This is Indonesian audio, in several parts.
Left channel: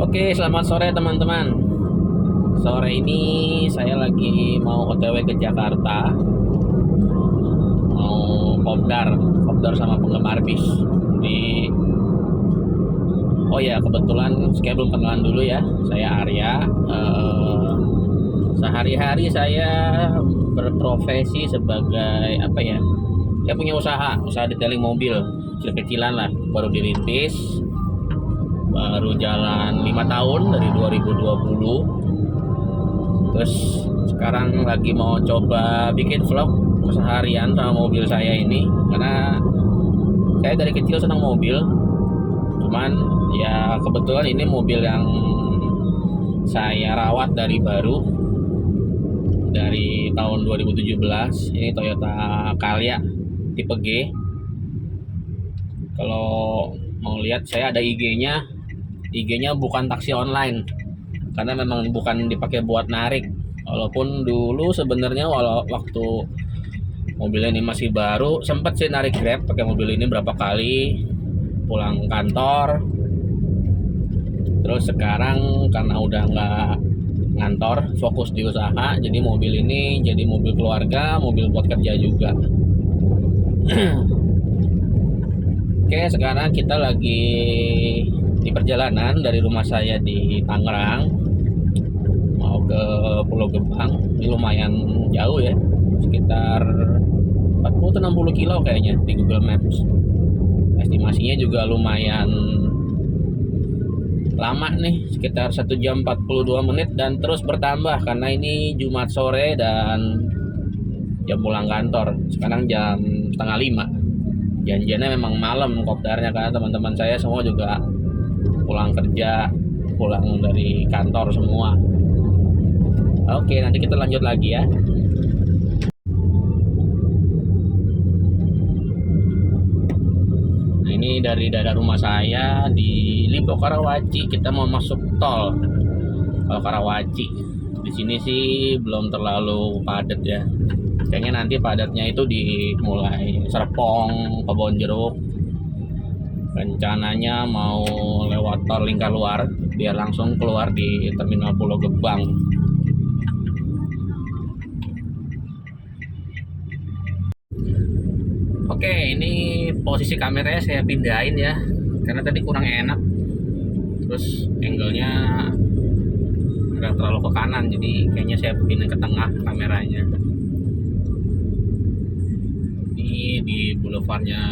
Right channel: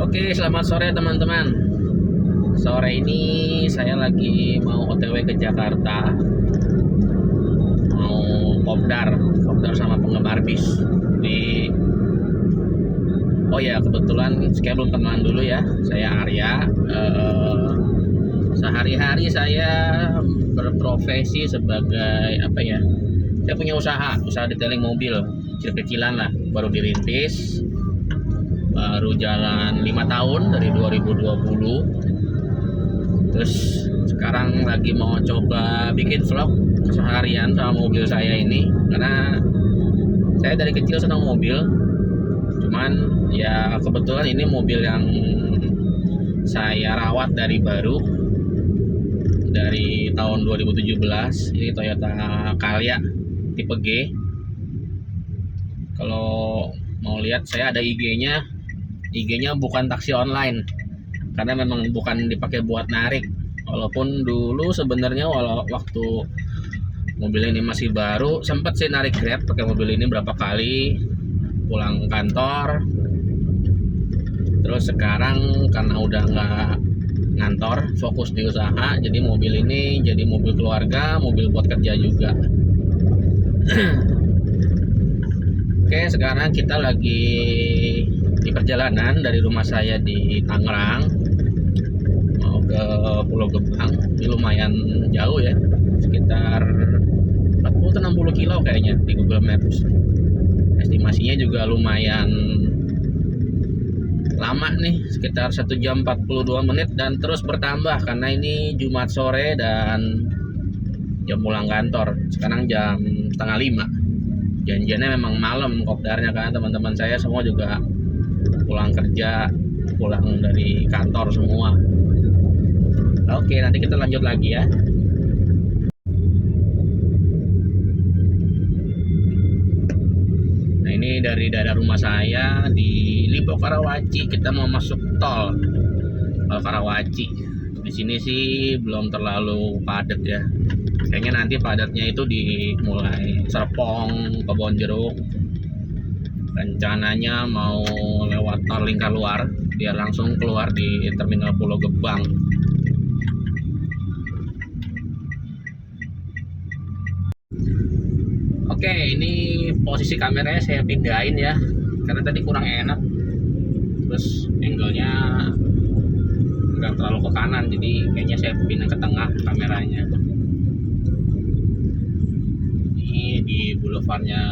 Oke, selamat sore teman-teman. Sore ini saya lagi mau OTW ke Jakarta, mau kopdar sama penggemar bis. Jadi, oh ya kebetulan saya belum kenalan dulu ya. Saya Arya. Sehari-hari saya berprofesi sebagai apa ya? Saya punya usaha detailing mobil, kecil-kecilan lah, baru dirintis. Baru jalan 5 tahun dari 2020. Terus sekarang lagi mau coba bikin vlog keseharian sama mobil saya ini, karena saya dari kecil senang mobil. Cuman ya kebetulan ini mobil yang saya rawat dari baru, dari tahun 2017. Ini Toyota Calya tipe G. Kalau mau lihat, saya ada IG-nya bukan taksi online, karena memang bukan dipakai buat narik. Walaupun dulu sebenarnya waktu mobil ini masih baru sempat sih narik Grab pakai mobil ini berapa kali pulang kantor. Terus sekarang karena udah nggak ngantor, fokus di usaha, jadi mobil ini jadi mobil keluarga, mobil buat kerja juga. Oke, sekarang kita lagi di perjalanan dari rumah saya di Tangerang mau ke Pulau Gebang. Ini lumayan jauh ya, sekitar 40-60 kilo kayaknya di Google Maps. Estimasinya juga lumayan lama nih, sekitar 1 jam 42 menit, dan terus bertambah karena ini Jumat sore dan jam pulang kantor. Sekarang jam setengah 5. Janjiannya memang malam kopdarnya, karena teman-teman saya semua juga pulang kerja, pulang dari kantor semua. Oke, nanti kita lanjut lagi ya. Nah, ini dari daerah rumah saya di Lipo Karawaci, kita mau masuk tol Karawaci. Di sini sih belum terlalu padat ya. Kayaknya nanti padatnya itu di mulai Serpong, Kebonjeruk. Rencananya mau lewat tol Lingkarluar biar langsung keluar di terminal Pulau Gebang. Oke, ini posisi kameranya saya pindahin ya, karena tadi kurang enak. Terus angle-nya nggak terlalu ke kanan, jadi kayaknya saya pindah ke tengah kameranya. Ini di boulevardnya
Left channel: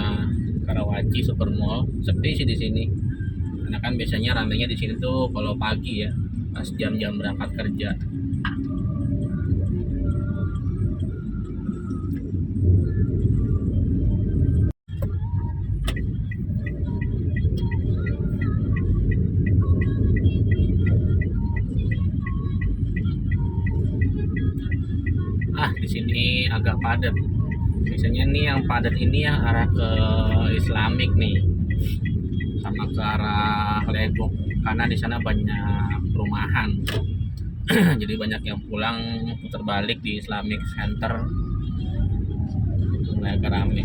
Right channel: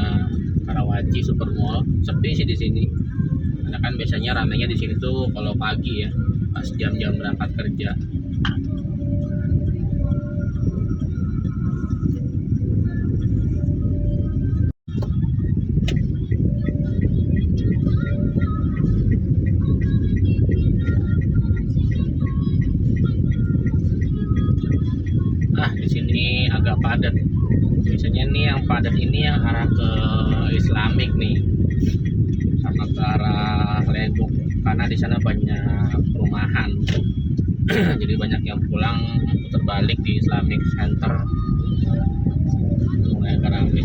Karawaci Super Mall. Sepi sih di sini, karena kan biasanya ramenya di sini tuh kalau pagi ya, pas jam-jam berangkat kerja. Di sini agak padat. Biasanya nih yang padat ini yang arah ke Islamic nih, sama ke arah Legok, karena di sana banyak perumahan. Jadi banyak yang pulang putar balik di Islamic Center, mulai agak rame.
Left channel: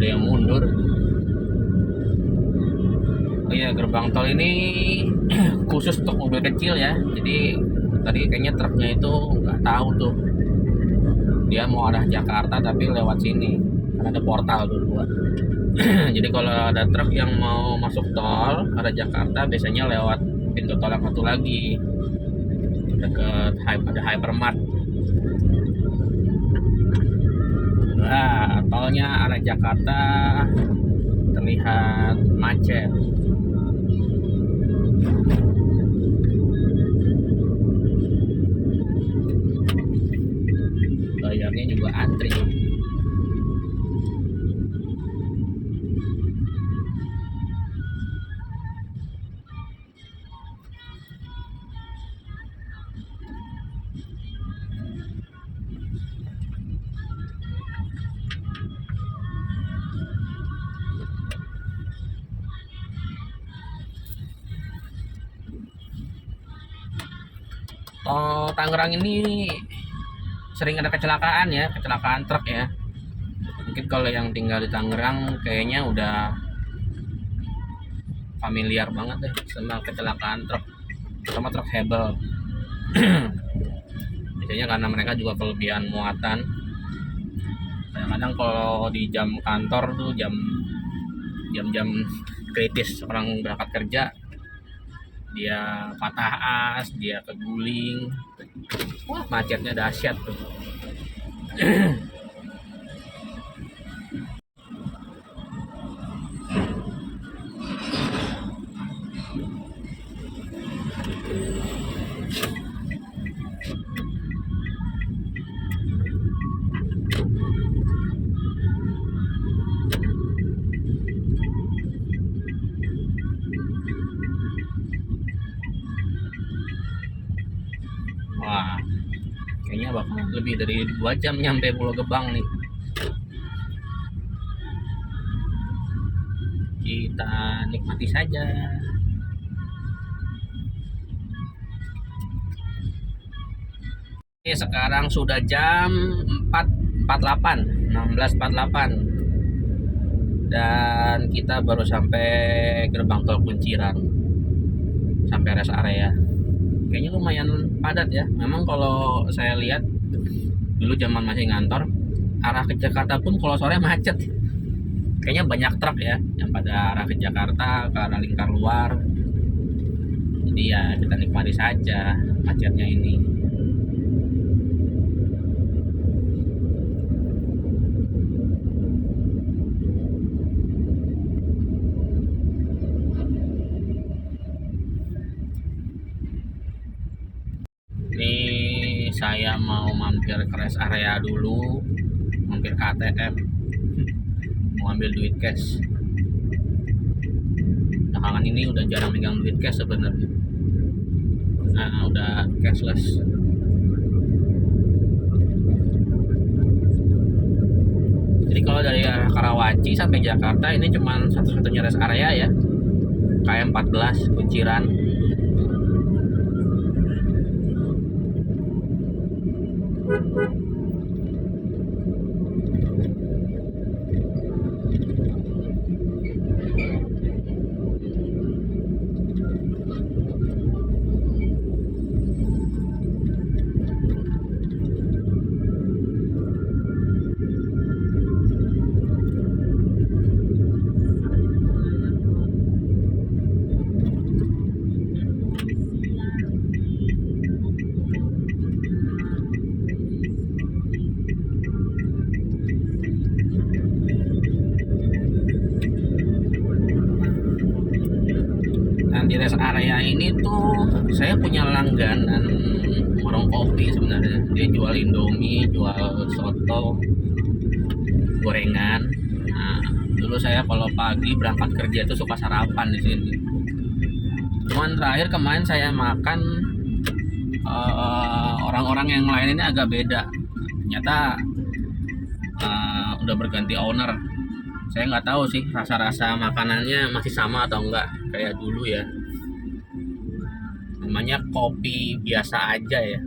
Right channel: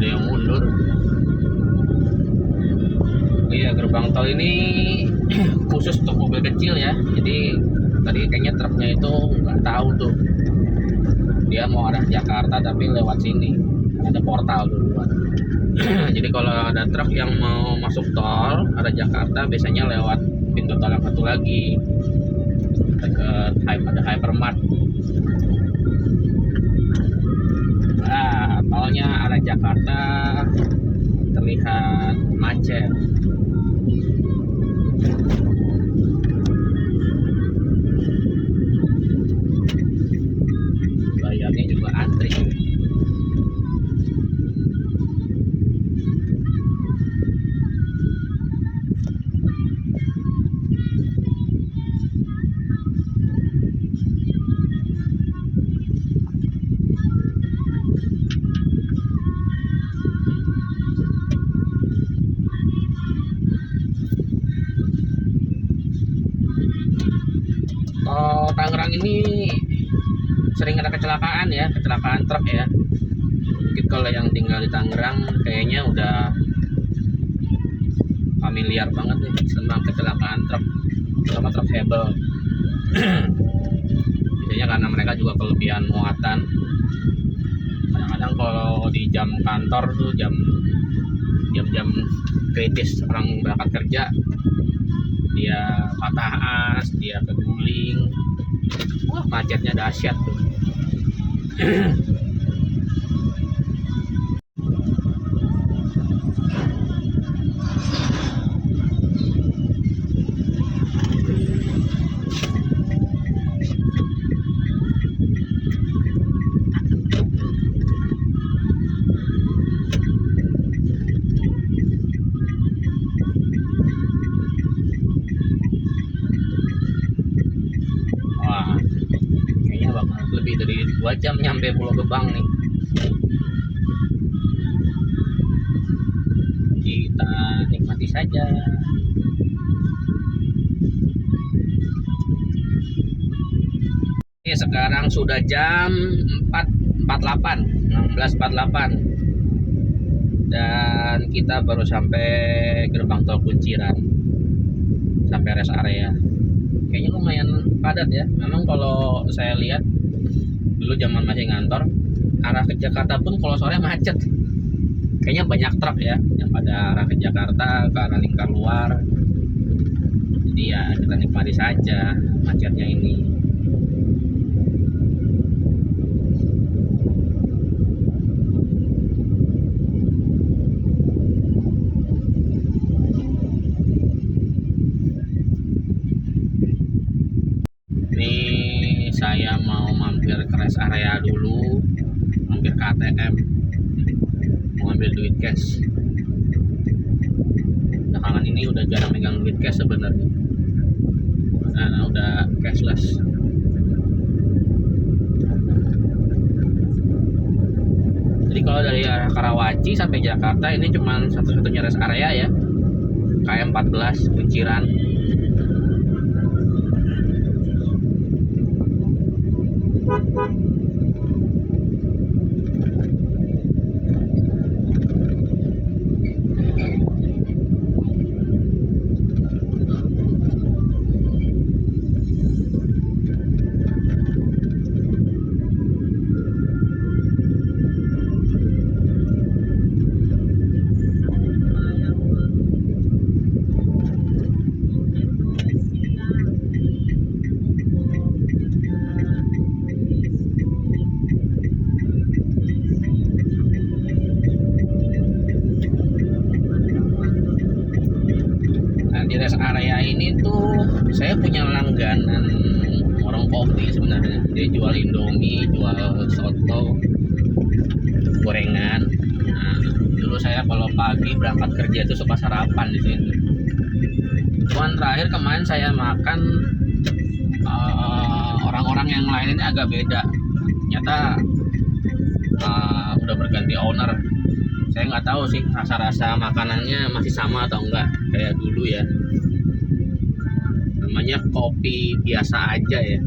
Ada yang mundur. Oh iya, gerbang tol ini khusus untuk mobil kecil ya. Jadi tadi kayaknya truknya itu nggak tahu tuh dia mau arah Jakarta tapi lewat sini, karena ada portal dulu. Jadi kalau ada truk yang mau masuk tol arah Jakarta, biasanya lewat pintu tol yang satu lagi, dekat ada Hypermart. Nah, tolnya arah Jakarta terlihat macet. Bayarnya juga antri. Oh, Tangerang ini sering ada kecelakaan ya, kecelakaan truk ya. Mungkin kalau yang tinggal di Tangerang kayaknya udah familiar banget deh tentang kecelakaan truk, sama truk hebel. Biasanya karena mereka juga kelebihan muatan. Kadang-kadang kalau di jam kantor tuh jam-jam kritis orang berangkat kerja, dia patah as, dia keguling, wah macetnya dahsyat tuh. Wah, kayaknya bakal lebih dari 2 jam nyampe Pulau Gebang nih. Kita nikmati saja. Ini sekarang sudah jam 4.48, 16.48, dan kita baru sampai gerbang tol Kunciran, sampai rest area. Kayaknya lumayan padat ya. Memang kalau saya lihat dulu zaman masih ngantor, arah ke Jakarta pun kalau sore macet. Kayaknya banyak truk ya yang pada arah ke Jakarta, ke arah lingkar luar. Jadi ya kita nikmati saja macetnya ini. Ini saya mau mampir ke rest area dulu, mampir ke ATM, mau ambil duit cash. Belakangan ini udah jarang megang duit cash sebenarnya, nah udah cashless. Jadi kalau dari arah Karawaci sampai Jakarta ini cuma satu-satunya rest area ya, KM 14 Kunciran. Di rest area ini tuh saya punya langganan warung kopi sebenarnya. Dia jual Indomie, jual soto, gorengan. Nah, dulu saya kalau pagi berangkat kerja itu suka sarapan di sini. Cuman terakhir kemarin saya makan, orang-orang yang lain ini agak beda. Ternyata udah berganti owner. Saya nggak tahu sih rasa-rasa makanannya masih sama atau enggak kayak dulu ya. Namanya kopi biasa aja ya,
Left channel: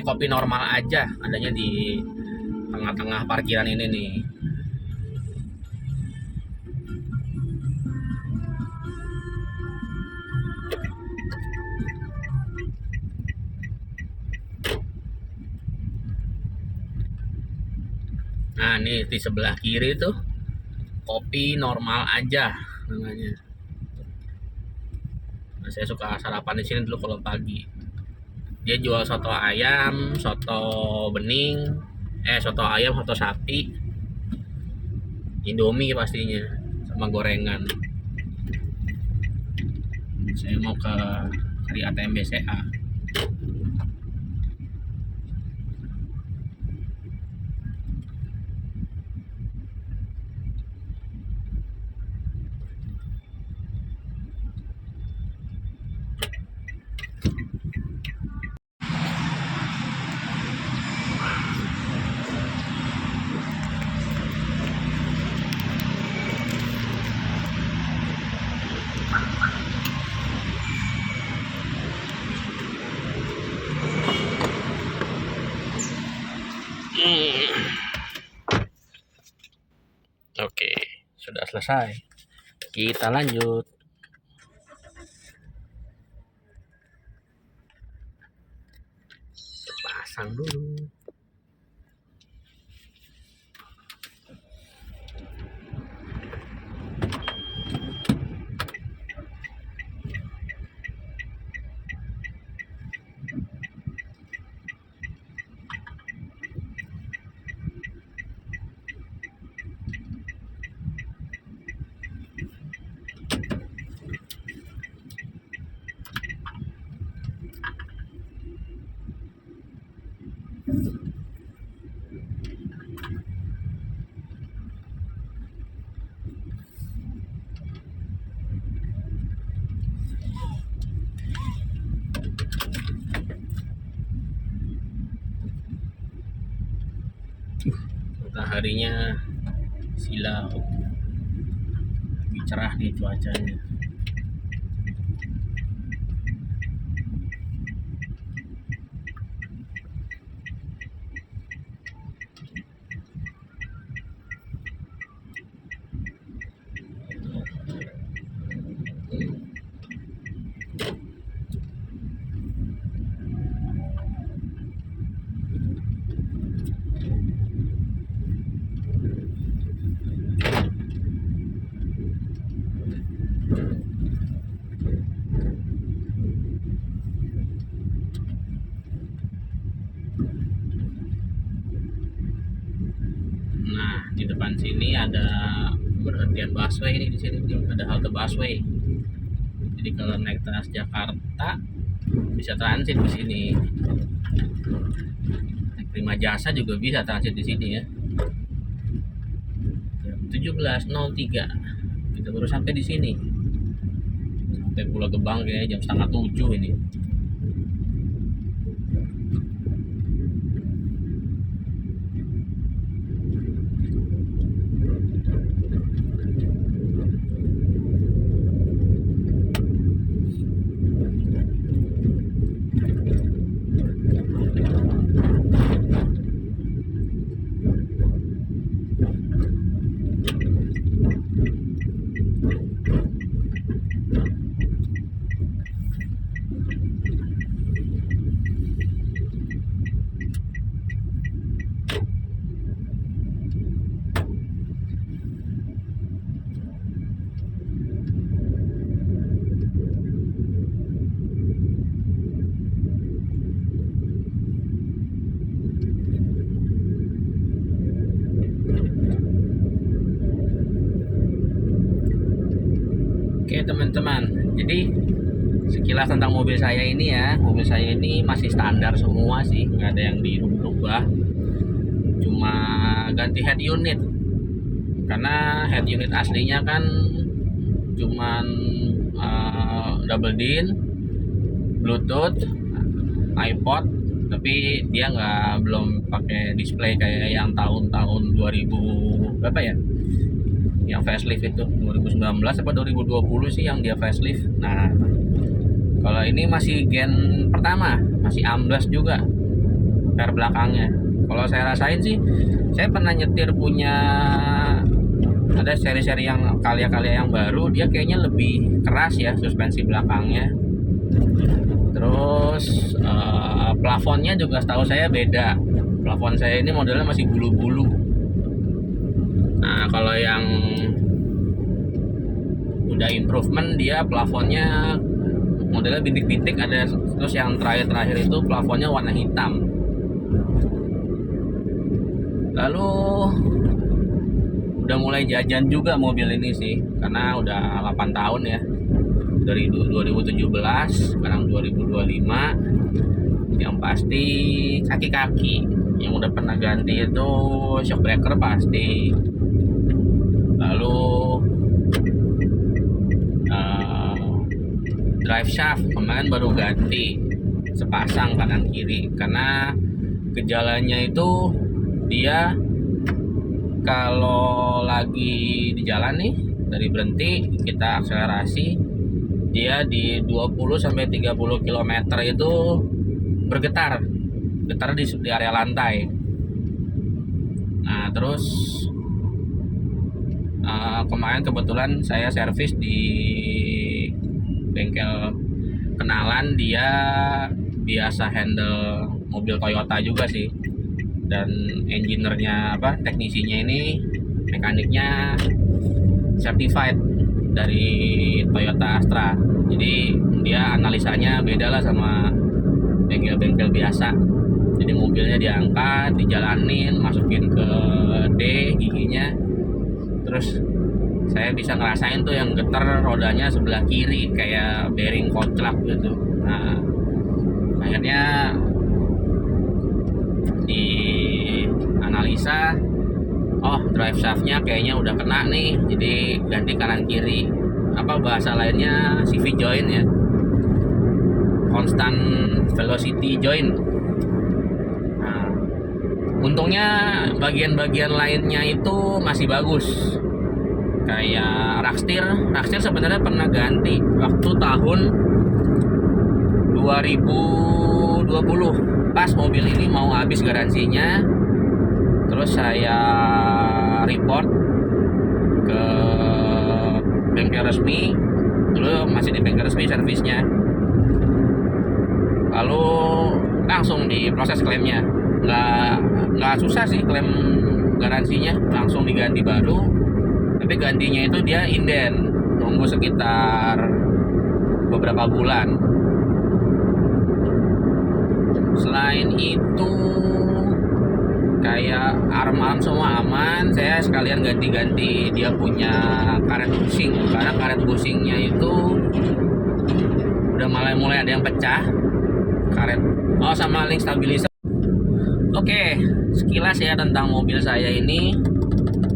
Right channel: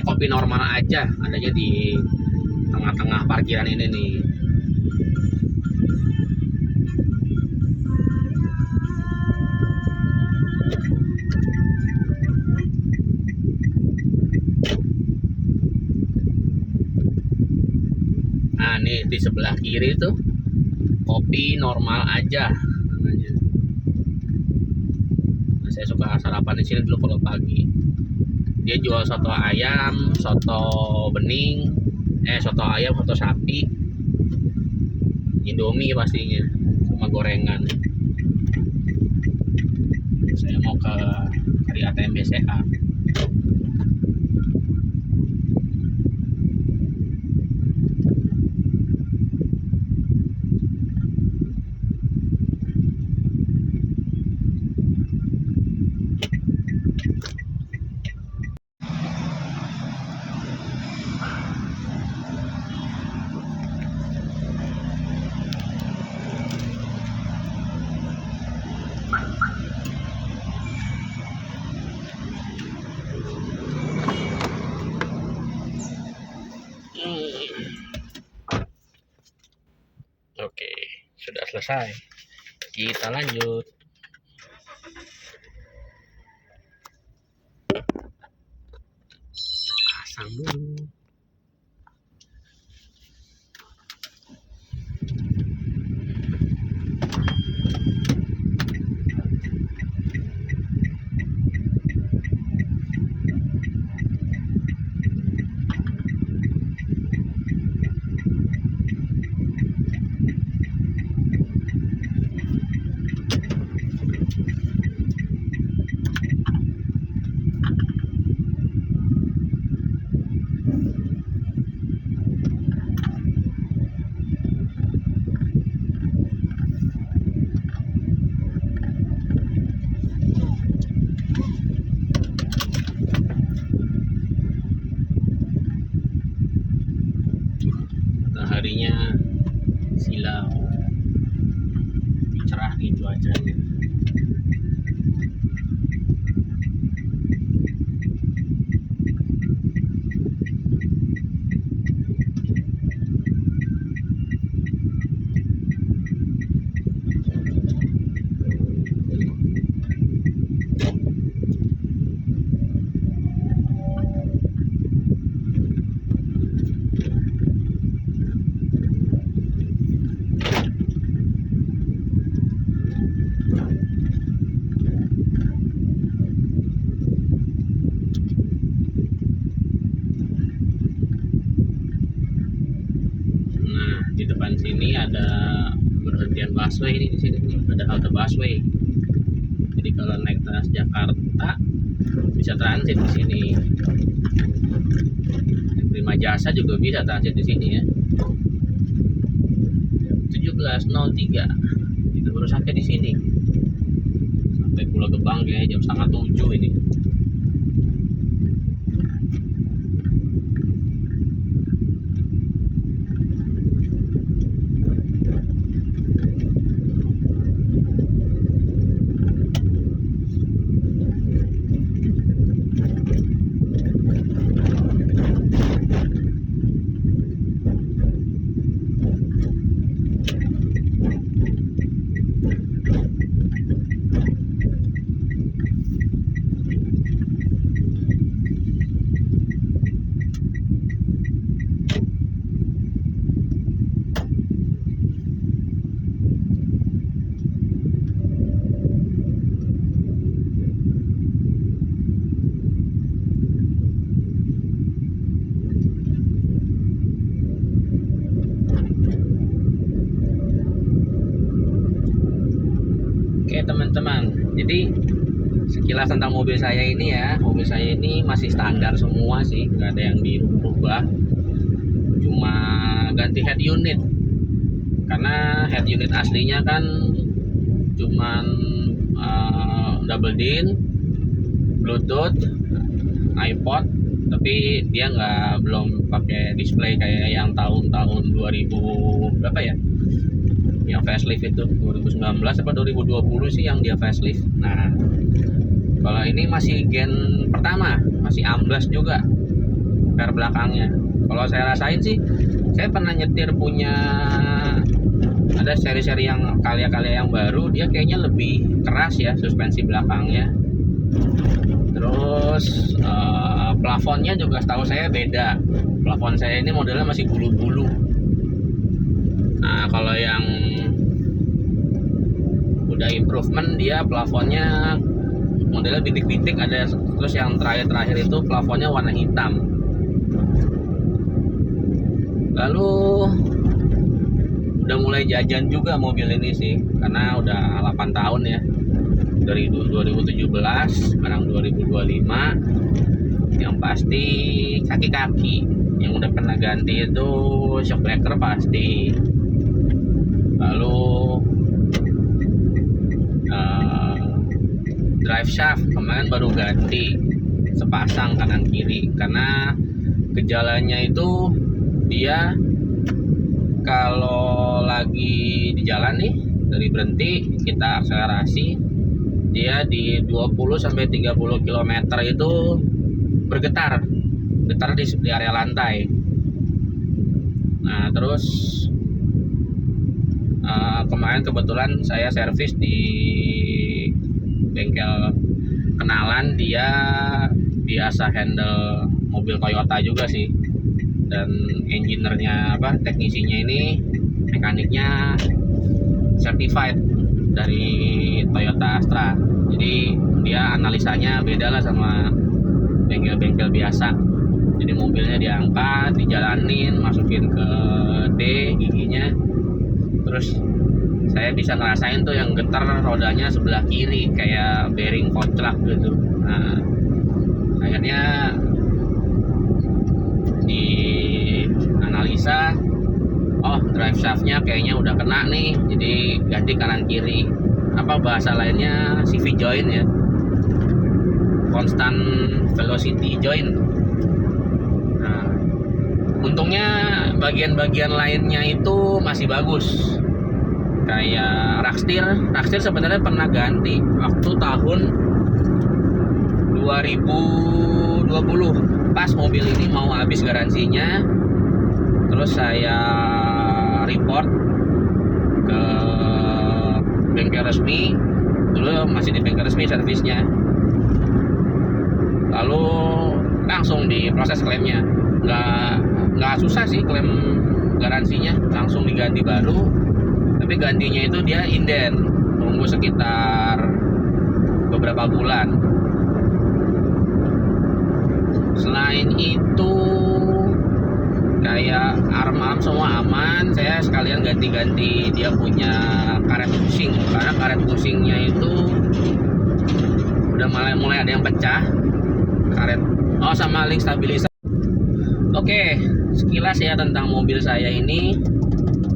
kopi normal aja, adanya di tengah-tengah parkiran ini nih. Nah ini di sebelah kiri tuh kopi normal aja namanya. Nah, saya suka sarapan di sini dulu kalau pagi. Dia jual soto ayam, soto bening, soto ayam, soto sapi, Indomie pastinya, sama gorengan. Saya mau ke cari ATM BCA. Oke, sudah selesai. Kita lanjut. Pasang dulu. Mataharinya silau, lebih cerah nih cuacanya. Nah, di depan sini ada berhentian busway ini, di sini nih ada halte busway. Jadi kalau naik Transjakarta bisa transit di sini. Naik Prima Jasa juga bisa transit di sini ya. 17.03 kita baru sampai di sini. Sampai Pulau Gebang kayaknya jam 6:30 ini. Oke teman-teman, jadi sekilas tentang mobil saya ini ya. Mobil saya ini masih standar semua sih, nggak ada yang dirubah. Cuma ganti head unit, karena head unit aslinya kan cuman double din, Bluetooth, iPod, tapi dia belum pakai display kayak yang tahun-tahun 2000 berapa ya, yang facelift itu 2019 apa 2020 sih yang dia facelift. Nah, kalau ini masih gen pertama, masih amblas juga per belakangnya. Kalau saya rasain sih, saya pernah nyetir punya ada seri-seri yang karya-karya yang baru, dia kayaknya lebih keras ya suspensi belakangnya. Terus plafonnya juga setahu saya beda. Plafon saya ini modelnya masih bulu-bulu. Nah, kalau yang udah improvement, dia plafonnya modelnya bintik-bintik ada. Terus yang terakhir itu plafonnya warna hitam. Lalu udah mulai jajan juga mobil ini sih, karena udah 8 tahun ya, dari 2017 sekarang 2025. Yang pasti kaki-kaki yang udah pernah ganti itu shock breaker pasti. Lalu drive shaft kemarin baru ganti sepasang kanan kiri, karena gejalanya itu dia kalau lagi di jalan nih, dari berhenti kita akselerasi, dia di 20-30 km itu bergetar di area lantai. Nah terus kemarin kebetulan saya servis di bengkel kenalan, dia biasa handle mobil Toyota juga sih, dan engineer-nya teknisinya ini, mekaniknya certified dari Toyota Astra. Jadi dia analisanya beda lah sama bengkel-bengkel biasa. Jadi mobilnya diangkat, dijalanin, masukin ke D giginya, terus saya bisa ngerasain tuh yang getar rodanya sebelah kiri kayak bearing koclak gitu. Nah akhirnya di analisa, oh drive shaftnya kayaknya udah kena nih, jadi ganti kanan kiri. Bahasa lainnya CV joint ya, constant velocity joint. Nah, untungnya bagian-bagian lainnya itu masih bagus, kayak Rakstir sebenarnya pernah ganti waktu tahun 2020 pas mobil ini mau habis garansinya. Terus saya report ke bengkel resmi, dulu masih di bengkel resmi servisnya, lalu langsung diproses klaimnya. Nggak susah sih klaim garansinya, langsung diganti baru. Tapi gantinya itu dia inden, nunggu sekitar beberapa bulan. Selain itu kayak arm semua aman. Saya sekalian ganti-ganti dia punya karet bushing, karena karet bushingnya itu udah mulai ada yang pecah karet. Sama link stabilizer. Oke, sekilas ya tentang mobil saya ini.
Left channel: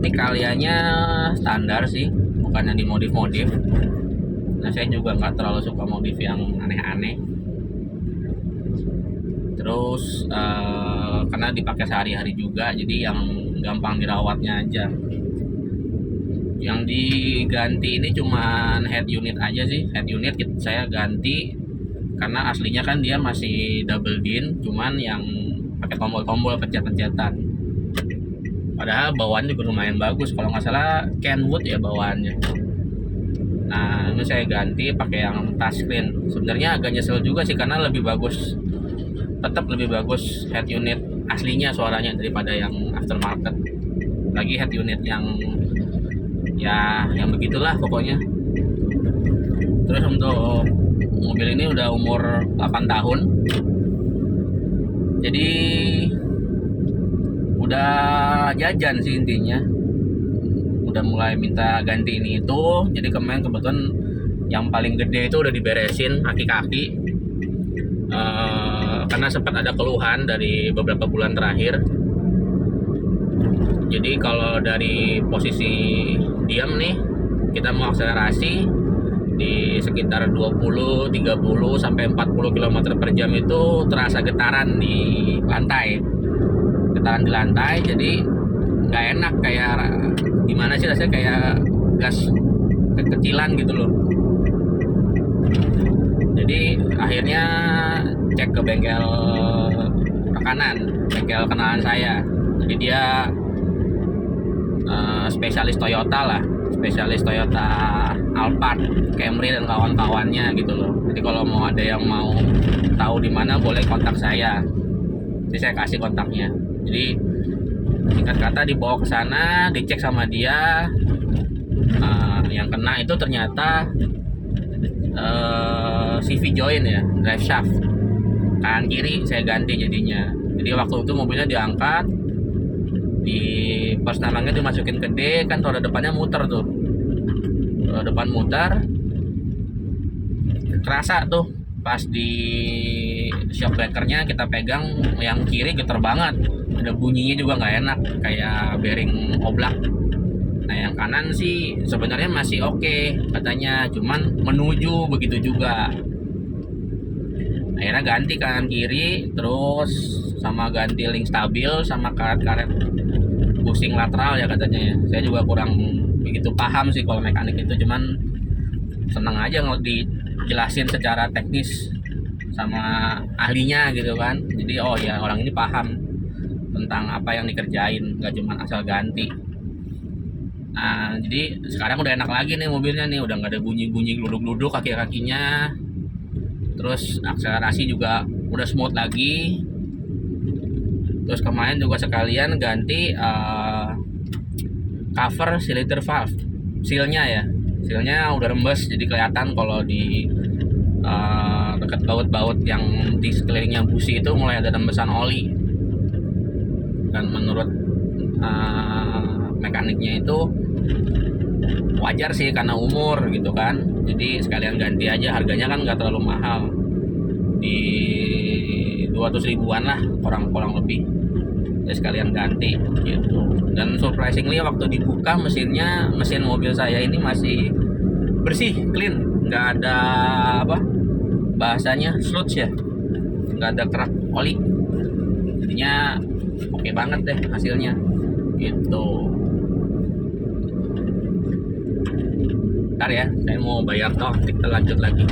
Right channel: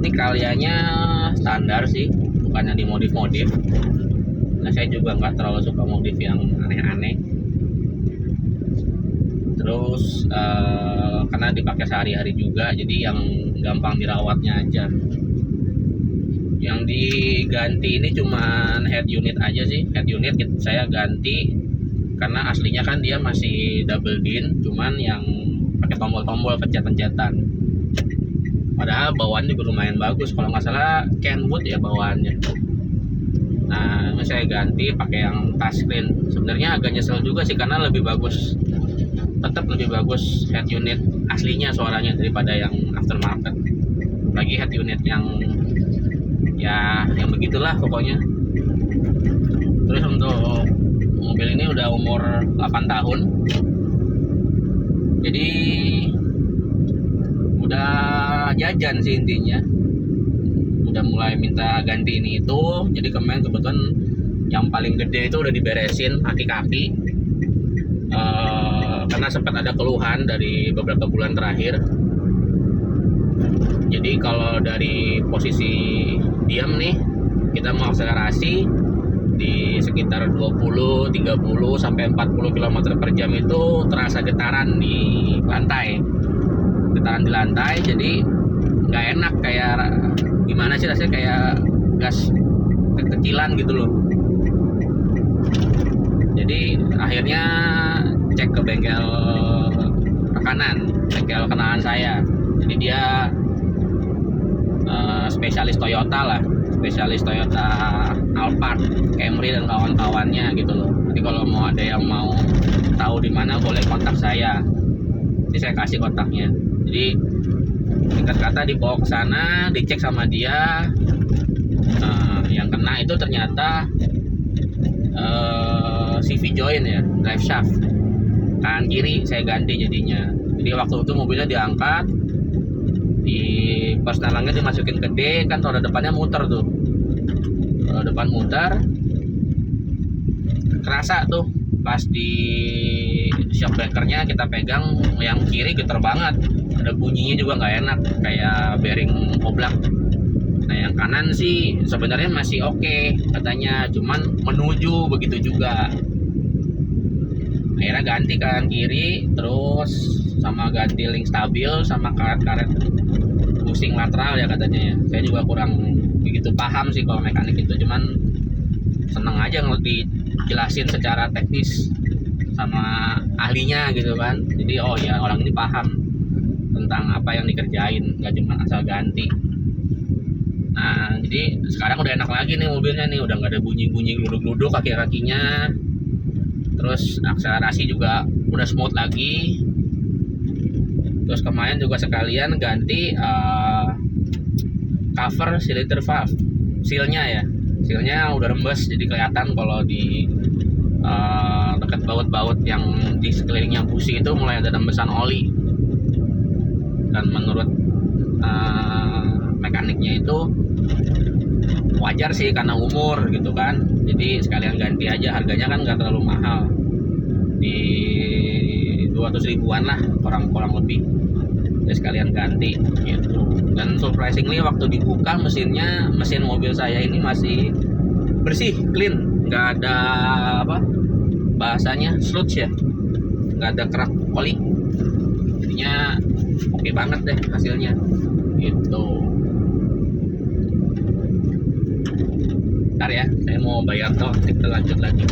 Ini kaliannya standar sih, bukannya dimodif-modif. Nah saya juga nggak terlalu suka modif yang aneh-aneh. Terus karena dipakai sehari-hari juga, jadi yang gampang dirawatnya aja. Yang diganti ini cuman head unit aja sih. Head unit saya ganti karena aslinya kan dia masih double din, cuman yang pakai tombol-tombol pencet-pencetan. Padahal bawaannya juga lumayan bagus, kalau nggak salah Kenwood ya bawaannya. Nah ini saya ganti pakai yang touchscreen. Sebenarnya agak nyesel juga sih, karena lebih bagus, tetap lebih bagus head unit aslinya suaranya daripada yang aftermarket. Lagi head unit yang begitulah pokoknya. Terus untuk mobil ini udah umur 8 tahun, jadi udah jajan sih intinya. Udah mulai minta ganti ini itu. Jadi kemarin kebetulan yang paling gede itu udah diberesin kaki-kaki, karena sempat ada keluhan dari beberapa bulan terakhir. Jadi kalau dari posisi diam nih, kita mau akselerasi di sekitar 20, 30 sampai 40 km per jam itu terasa getaran di lantai. Getaran di lantai, jadi nggak enak, kayak gimana sih rasanya, kayak gas kekecilan gitu loh. Jadi akhirnya cek ke bengkel bengkel kenalan saya. Jadi dia spesialis Toyota lah, spesialis Toyota Alphard, Camry dan kawan-kawannya gitu loh. Jadi kalau mau ada yang mau tahu di mana boleh kontak saya. Jadi saya kasih kontaknya. Jadi singkat kata dibawa ke sana, dicek sama dia. Yang kena itu ternyata CV joint ya, drive shaft kanan kiri saya ganti jadinya. Jadi waktu itu mobilnya diangkat, di pas nalangnya dimasukin ke D, kan roda depannya muter tuh, roda depan muter, kerasa tuh pas di shock breakernya kita pegang yang kiri getar banget, ada bunyinya juga nggak enak kayak bearing oblak. Nah yang kanan sih sebenarnya masih oke katanya, cuman menuju begitu juga. Akhirnya ganti kanan kiri, terus sama ganti link stabil sama karet-karet bushing lateral ya katanya ya. Saya juga kurang begitu paham sih kalau mekanik itu, cuman seneng aja kalau dijelasin secara teknis sama ahlinya gitu kan. Jadi oh ya orang ini paham. tentang apa yang dikerjain, nggak cuma asal ganti. Nah, jadi sekarang udah enak lagi nih mobilnya nih, udah nggak ada bunyi-bunyi gluduk-gluduk kaki-kakinya. Terus akselerasi juga udah smooth lagi. Terus kemarin juga sekalian ganti cover cylinder valve, sealnya ya. Sealnya udah rembes, jadi kelihatan kalau di dekat baut-baut yang di sekelilingnya busi itu mulai ada rembesan oli. Dan menurut mekaniknya itu wajar sih karena umur gitu kan, jadi sekalian ganti aja, harganya kan nggak terlalu mahal, di 200 ribuan lah kurang lebih, ya sekalian ganti gitu. Dan surprisingly waktu dibuka mesin mobil saya ini masih bersih, clean, nggak ada apa bahasanya sludge ya, nggak ada kerak oli, jadinya oke banget deh hasilnya gitu. Bentar ya, saya mau bayar tol, kita lanjut lagi.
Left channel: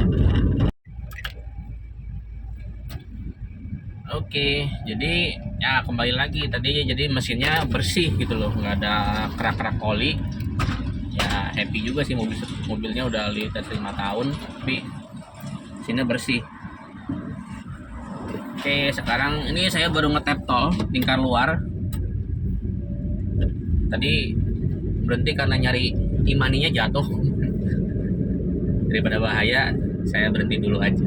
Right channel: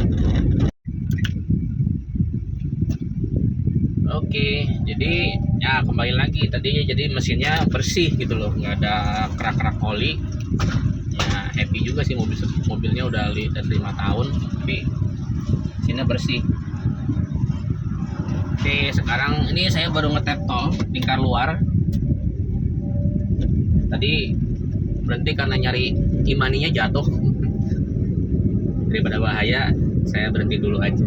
Oke, jadi ya kembali lagi tadi, jadi mesinnya bersih gitu loh, nggak ada kerak-kerak oli. Ya happy juga sih, mobilnya udah dari 5 tahun, tapi mesinnya bersih. Oke, sekarang ini saya baru ngetap tol lingkar luar. Tadi berhenti karena nyari imaninya jatuh. Daripada bahaya, saya berhenti dulu aja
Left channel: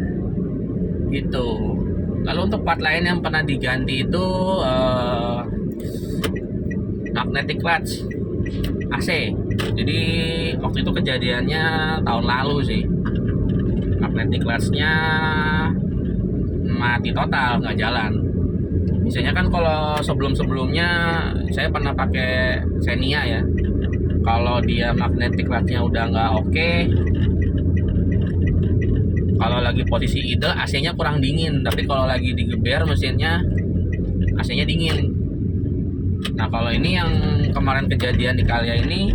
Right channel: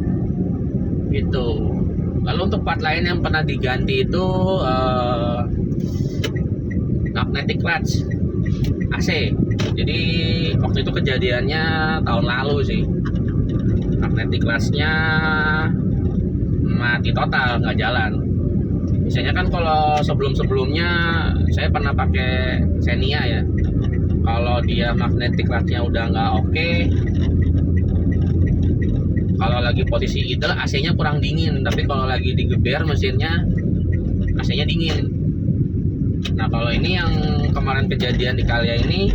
gitu. Lalu untuk part lain yang pernah diganti itu magnetic clutch AC. Jadi waktu itu kejadiannya tahun lalu sih, magnetic clutchnya mati total, nggak jalan. Biasanya kan kalau sebelumnya saya pernah pakai Xenia ya, kalau dia magnetic clutchnya udah nggak oke, kalau lagi posisi idle AC-nya kurang dingin, tapi kalau lagi digeber mesinnya AC-nya dingin. Nah kalau ini yang kemarin kejadian di Kalia ini,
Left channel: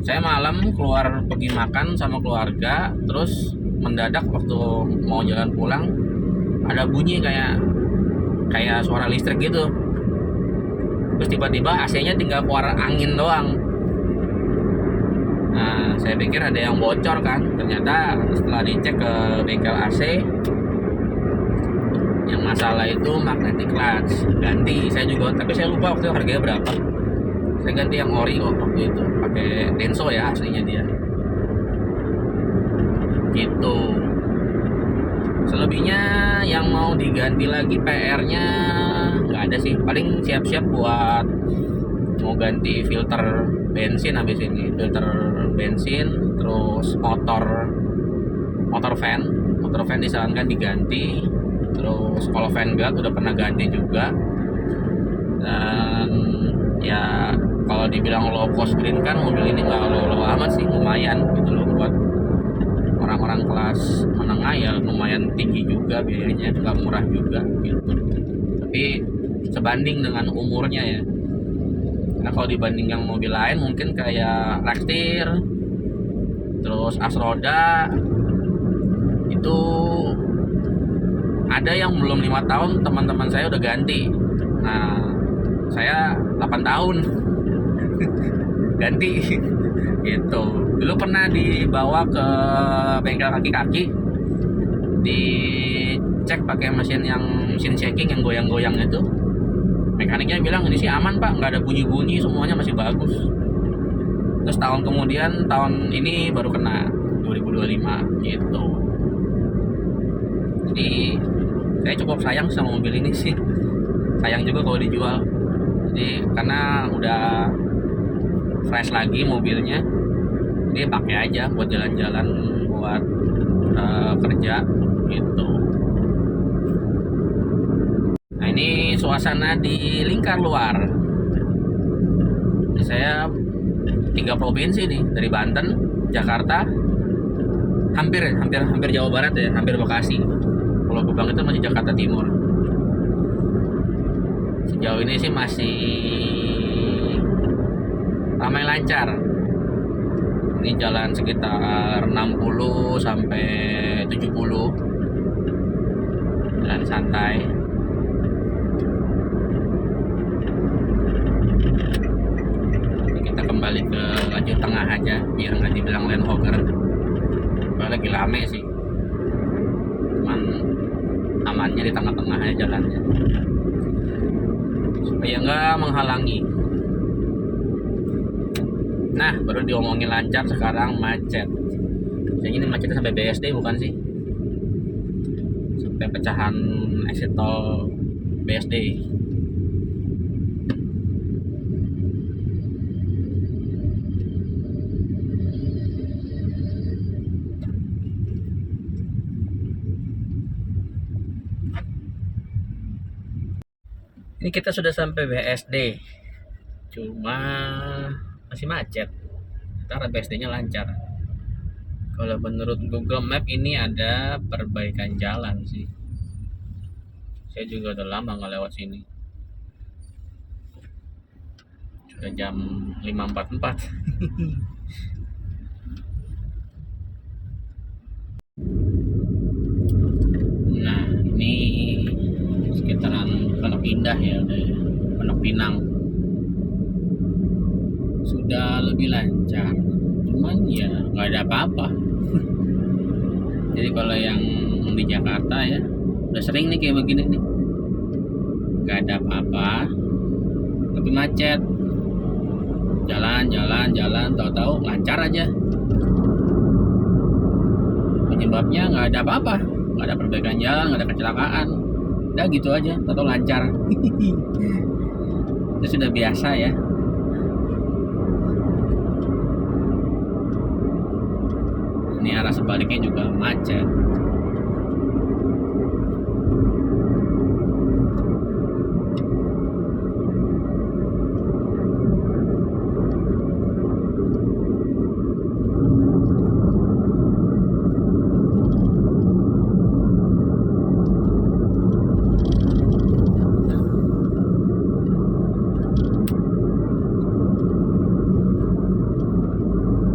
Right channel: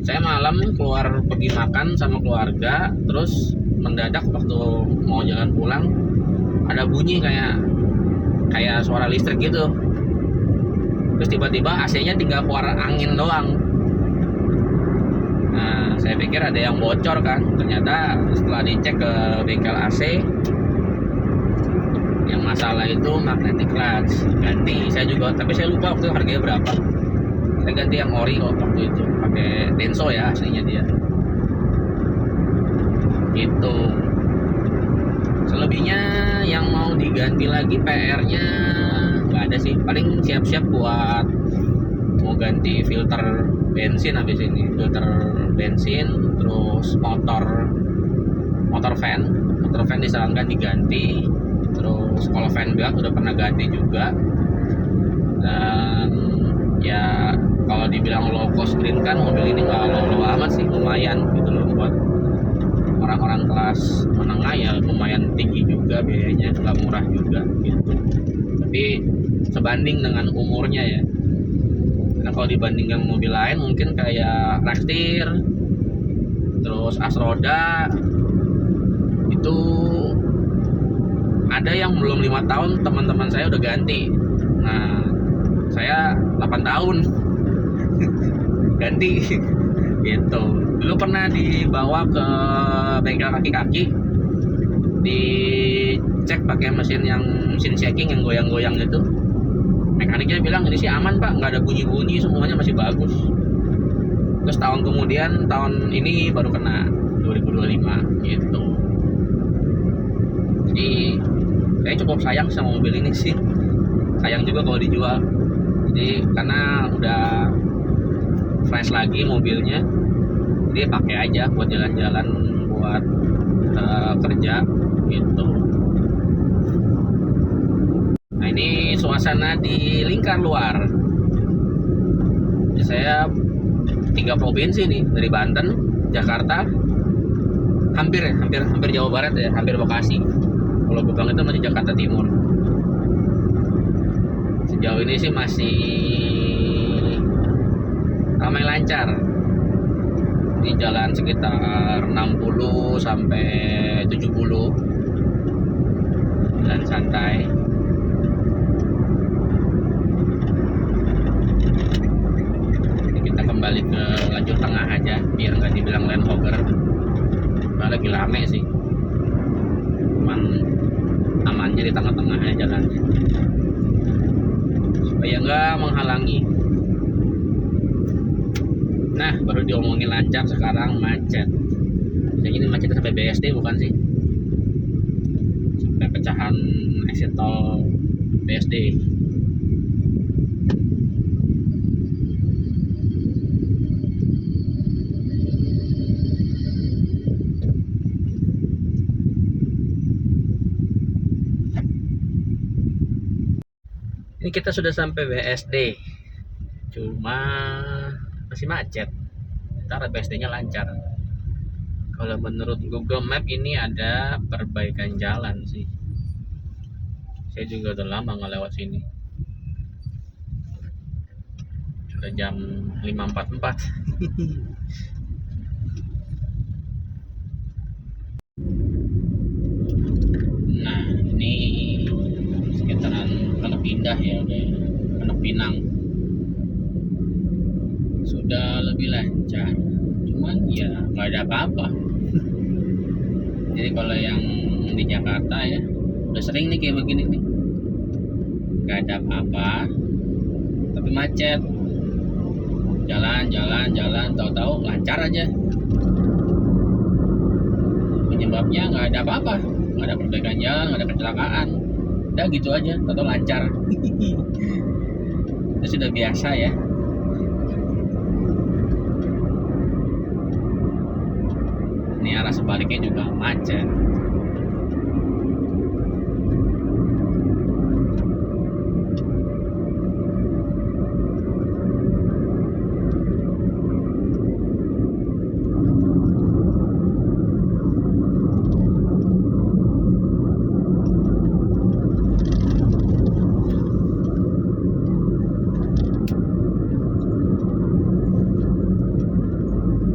saya malam keluar pergi makan sama keluarga, terus mendadak waktu mau jalan pulang ada bunyi kayak suara listrik gitu. Terus tiba-tiba AC-nya tinggal keluar angin doang. Nah, saya pikir ada yang bocor kan. Ternyata setelah dicek ke bengkel AC, yang masalah itu magnetic clutch. Ganti saya juga, tapi saya lupa waktu itu harganya berapa. Saya ganti yang ori kok waktu itu, pakai Denso ya aslinya dia. Gitu. Selebihnya yang mau diganti lagi PR-nya nggak ada sih. Paling siap-siap buat mau ganti filter bensin habis ini, filter bensin, terus motor fan disarankan diganti. Terus kalau fan belt udah pernah ganti juga. Dan ya kalau dibilang low cost green kan, mobil ini nggak low amat sih, lumayan gitu loh buat orang-orang kelas menengah, ya lumayan tinggi juga biayanya, nggak murah juga gitu. Tapi sebanding dengan umurnya ya. Nah kalau dibandingkan mobil lain mungkin kayak Rextir, terus Asroda, itu ada yang belum 5 tahun teman-teman saya udah ganti. Nah saya 8 tahun ganti gitu. Dulu pernah dibawa ke bengkel kaki-kaki, dicek pakai mesin shaking yang goyang-goyang itu. Mekaniknya bilang ini sih aman pak, nggak ada bunyi-bunyi, semuanya masih bagus. Terus tahun kemudian, tahun ini baru kena 2025 gitu. Jadi saya cukup sayang sama mobil ini sih, sayang juga kalau dijual. Jadi karena udah fresh lagi mobilnya, jadi pakai aja buat jalan-jalan, buat kerja gitu. Nah ini suasana di lingkar luar. Jadi saya 3 provinsi nih, dari Banten, Jakarta, hampir Jawa Barat ya, hampir Bekasi. Pulau Gebang itu masih Jakarta Timur. Sejauh ini sih masih ramai lancar. Ini jalan sekitar 60 sampai 70, jalan santai. aja biar nggak dibilang land hogger. Lagi rame sih, cuman amannya di tengah-tengahnya jalannya supaya nggak menghalangi. Nah, baru diomongin lancar, sekarang macet. Jadi ini macetnya sampai BSD bukan sih? Sampai pecahan exit tol BSD. Ini kita sudah sampai BSD, cuma masih macet. Ntar BSD-nya lancar. Kalau menurut Google Map ini ada perbaikan jalan sih. Saya juga udah lama nggak lewat sini. Sudah jam 5.44. Nah, ini sekitaran Pondok Indah ya, udah ya. Pondok Pinang. Sudah lebih lancar. Cuman ya nggak ada apa-apa. Jadi kalau yang di Jakarta ya udah sering nih kayak begini nih, nggak ada apa-apa tapi macet, jalan tahu-tahu lancar aja. Penyebabnya nggak ada apa-apa, nggak ada perbaikan jalan, nggak ada kecelakaan, udah gitu aja tahu-tahu lancar. Itu sudah biasa ya. Ini arah sebaliknya juga macet.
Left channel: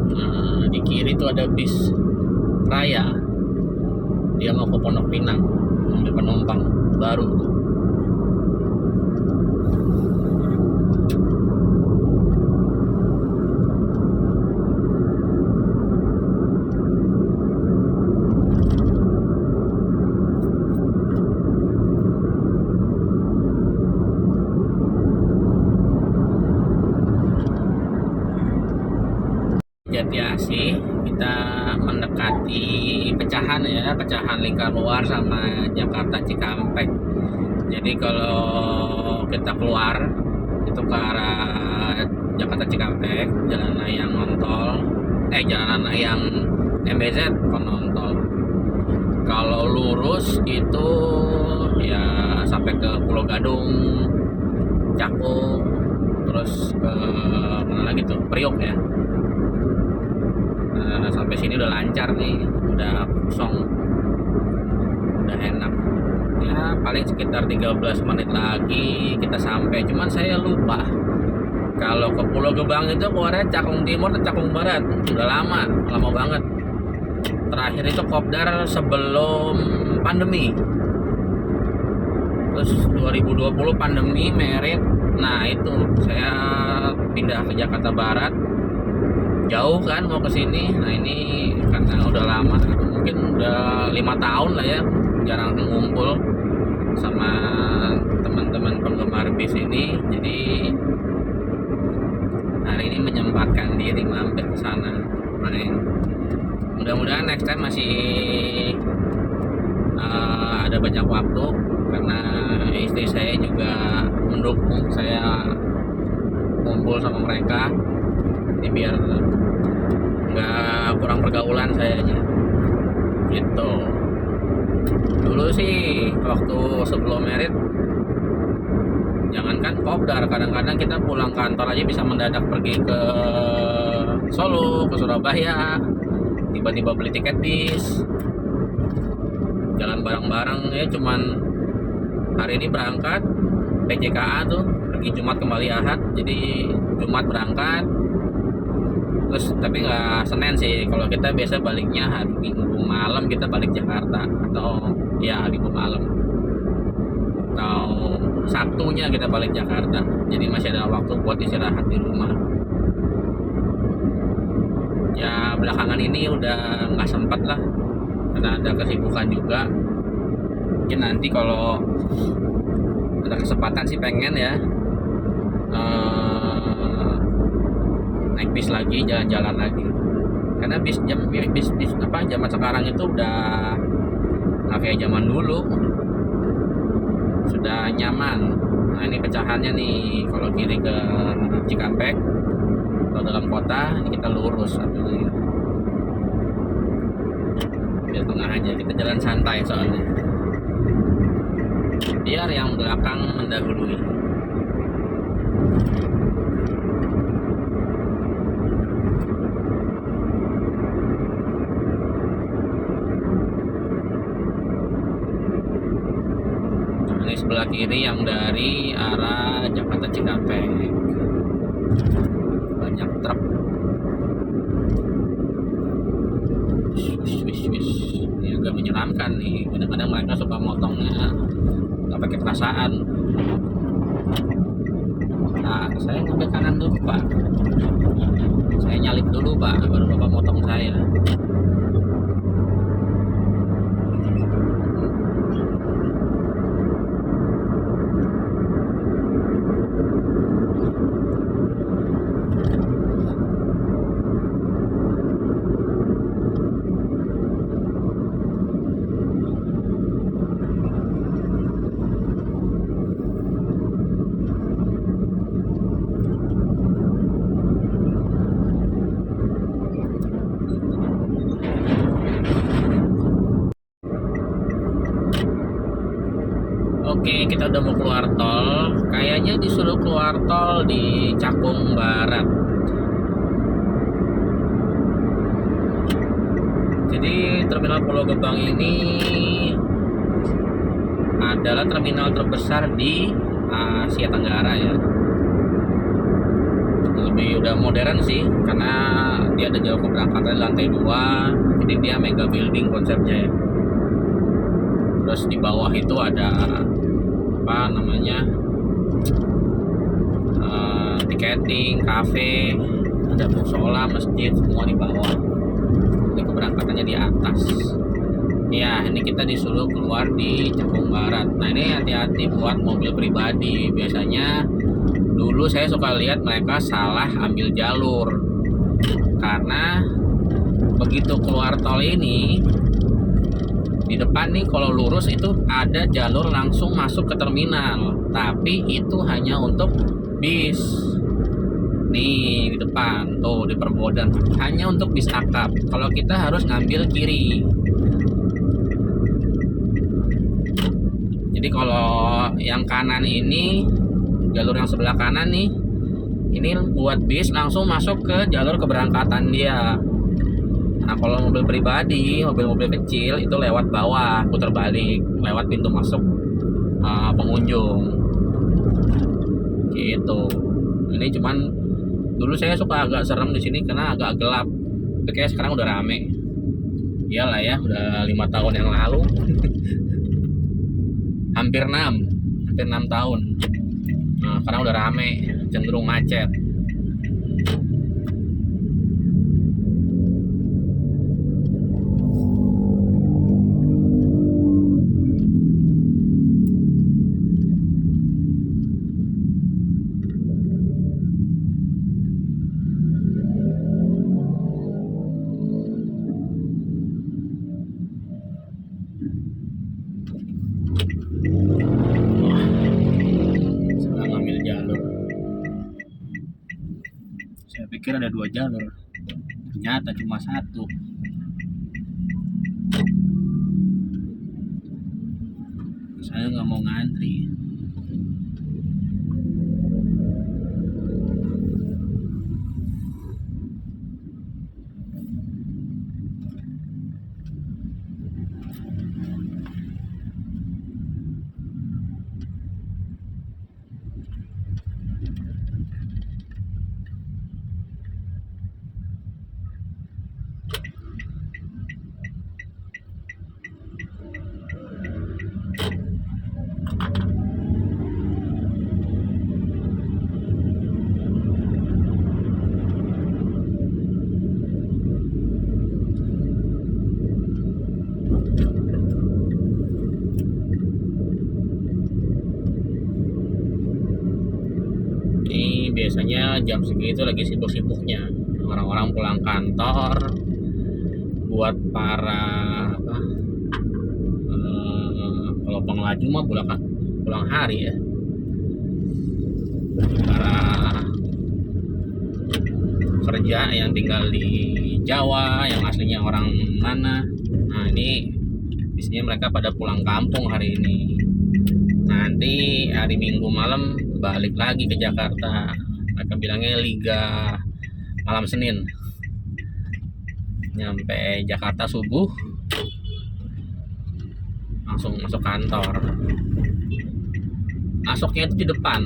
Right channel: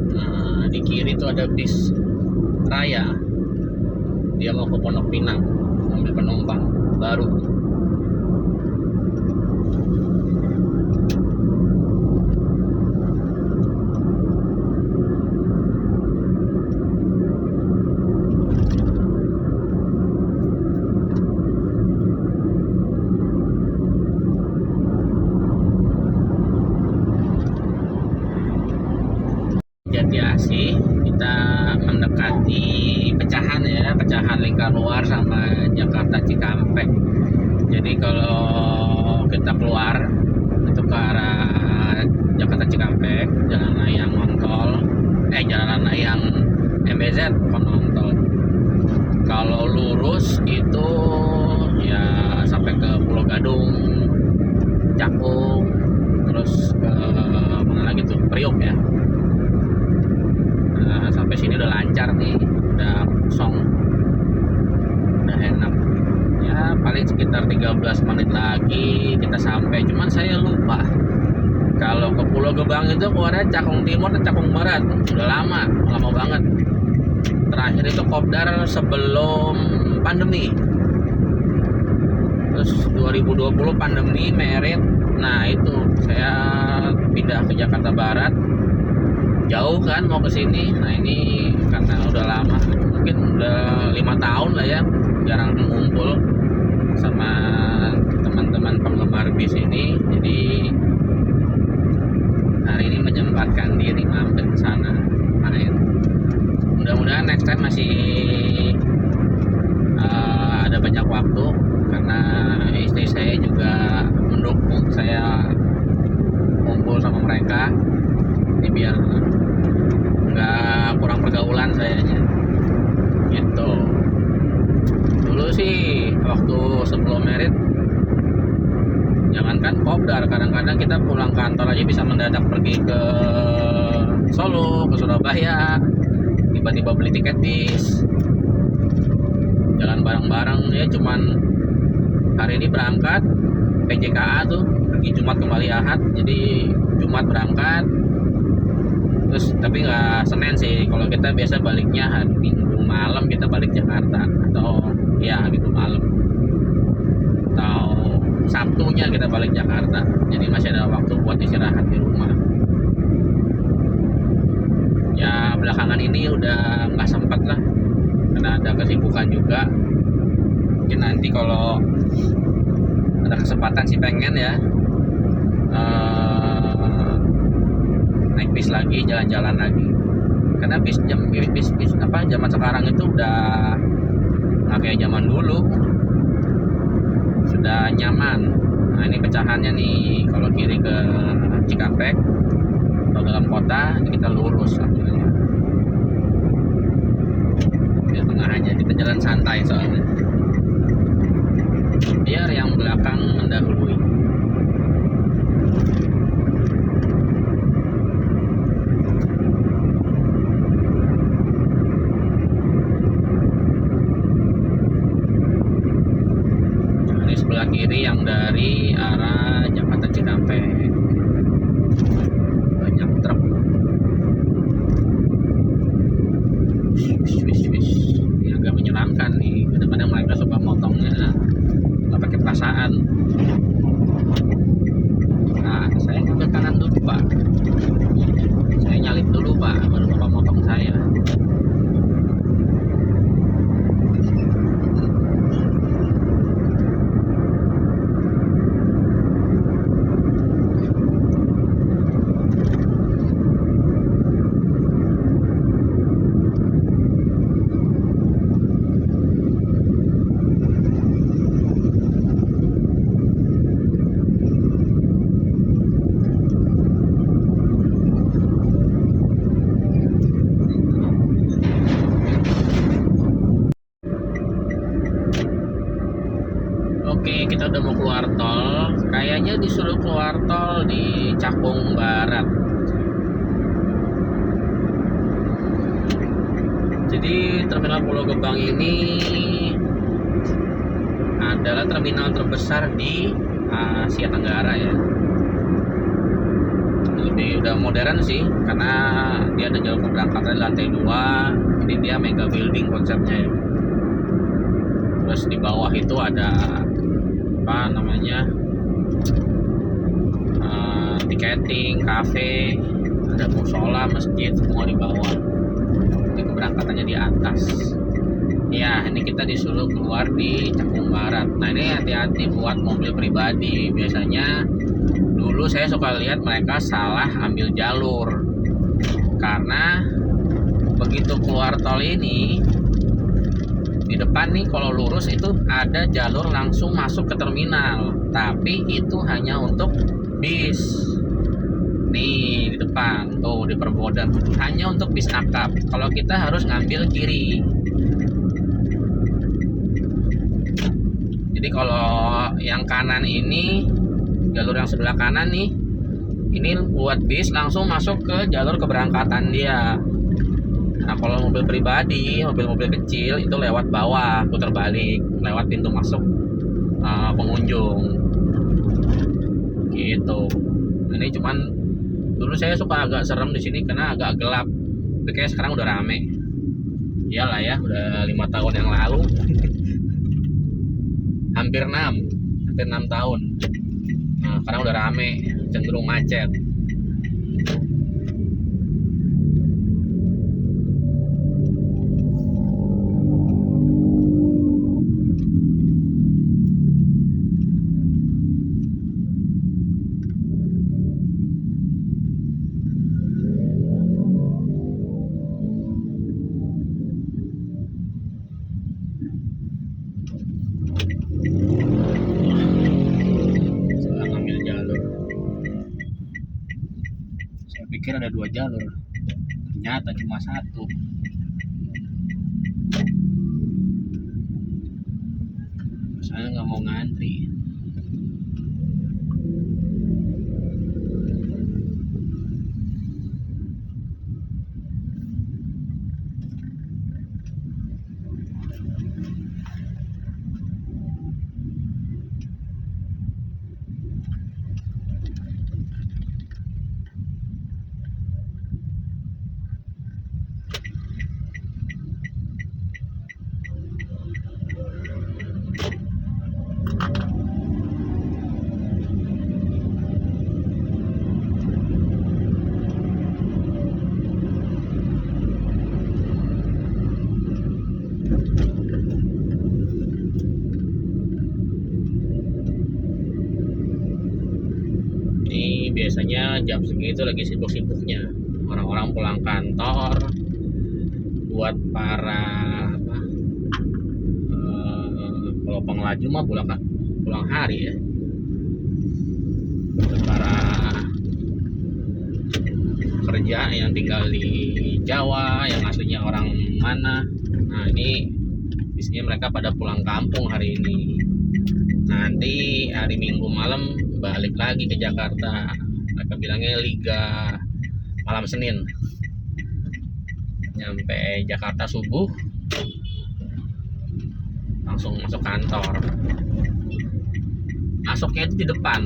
Nah, di kiri itu ada bis raya, dia mau ke Pondok Pinang ngambil penumpang baru. Jatiasih kita mendekati pecahan ya, pecahan Lingkar Luar sama Jakarta Cikampek. Jadi kalau kita keluar itu ke arah Jakarta Cikampek, jalan layang nontol, jalan layang MBZ bukan nontol. Kalau lurus itu ya sampai ke Pulau Gadung, Cakung, terus ke mana lagi tuh, Priok ya. Sampai sini udah lancar nih, udah kosong, udah enak ya. Paling sekitar 13 menit lagi kita sampai. Cuman saya lupa kalau ke Pulau Gebang itu keluarnya Cakung Timur atau Cakung Barat. Udah lama banget. Terakhir itu kopdar sebelum pandemi, terus 2020 pandemi merit. Nah itu saya pindah ke Jakarta Barat, jauh kan mau ke sini. Nah ini karena udah lama, mungkin udah 5 tahun lah ya jarang ngumpul sama teman-teman penggemar bis ini. Jadi hari ini menyempatkan diri mampir ke sana main. Mudah-mudahan next time masih ada banyak waktu, karena istri saya juga mendukung saya kumpul sama mereka. Jadi biar nggak kurang pergaulan sayanya gitu. Dulu sih waktu sebelum merit, jangankan kopdar, kadang-kadang kita pulang kantor aja bisa mendadak pergi ke Solo, ke Surabaya, tiba-tiba beli tiket bis, jalan bareng-bareng ya. Cuman hari ini berangkat PJKA tuh, pergi Jumat kembali Ahad, jadi Jumat berangkat terus, tapi nggak Senin sih. Kalau kita biasa baliknya hari Minggu malam, kita balik Jakarta, atau ya Minggu malam atau Sabtunya kita balik Jakarta. Jadi masih ada waktu buat istirahat di rumah. Ya belakangan ini udah nggak sempat lah, karena ada kesibukan juga. Mungkin nanti kalau ada kesempatan sih pengen ya naik bis lagi, jalan-jalan lagi. Karena bis apa zaman sekarang itu udah nggak kayak zaman dulu, sudah nyaman. Nah ini pecahannya nih, kalau kiri ke Cikampek, kalau dalam kota ini kita lurus ambilnya. Biar tengah aja, kita jalan santai soalnya. Biar yang belakang mendahului. Nah, ini sebelah kiri yang dari arah Jakarta Cikampek. Banyak truk. Ini agak menyeramkan nih. Kadang-kadang mereka suka motongnya nggak pakai perasaan. Nah, saya ngambil kanan dulu pak, saya nyalip dulu pak, baru bapak motong saya. Oke, kita udah mau keluar tol. Kayaknya disuruh keluar tol di Cakung Barat. Jadi terminal Pulau Gebang ini adalah terminal terbesar di Asia Tenggara ya. Lebih udah modern sih, karena dia ada jalur keberangkatan di lantai 2. Jadi dia mega building konsepnya ya. Terus di bawah itu ada apa namanya, tiketing, kafe, ada musola, masjid, semua di bawah. Ini keberangkatannya di atas. Ya, ini kita disuruh keluar di Cakung Barat. Nah ini hati-hati buat mobil pribadi. Biasanya dulu saya suka lihat mereka salah ambil jalur, karena begitu keluar tol ini, di depan nih kalau lurus itu ada jalur langsung masuk ke terminal, tapi itu hanya untuk bis. Nih di depan tuh di Perbodan hanya untuk bis akap. Kalau kita harus ngambil kiri. Jadi kalau yang kanan ini, jalur yang sebelah kanan nih, ini buat bis langsung masuk ke jalur keberangkatan dia. Nah kalau mobil pribadi, mobil-mobil kecil itu lewat bawah, putar balik, lewat pintu masuk pengunjung. Gitu. Ini cuman dulu saya suka agak serem di sini karena agak gelap. Tapi kayak sekarang udah rame. Iyalah ya, udah 5 tahun yang lalu. hampir 6 tahun. Nah, sekarang udah rame, cenderung macet. Pikir ada 2 jalur, ternyata cuma 1. Saya nggak mau ngantri. Ini biasanya jam segitu lagi sibuk-sibuknya orang-orang pulang kantor. Buat para apa, kalau pengelaju mah pulang hari ya. Para kerja yang tinggal di Jawa, yang aslinya orang mana, nah ini biasanya mereka pada pulang kampung hari ini. Nanti hari Minggu malam balik lagi ke Jakarta. Mereka bilangnya Liga malam Senin. Nyampe Jakarta subuh, langsung masuk kantor. Masuknya itu di depan.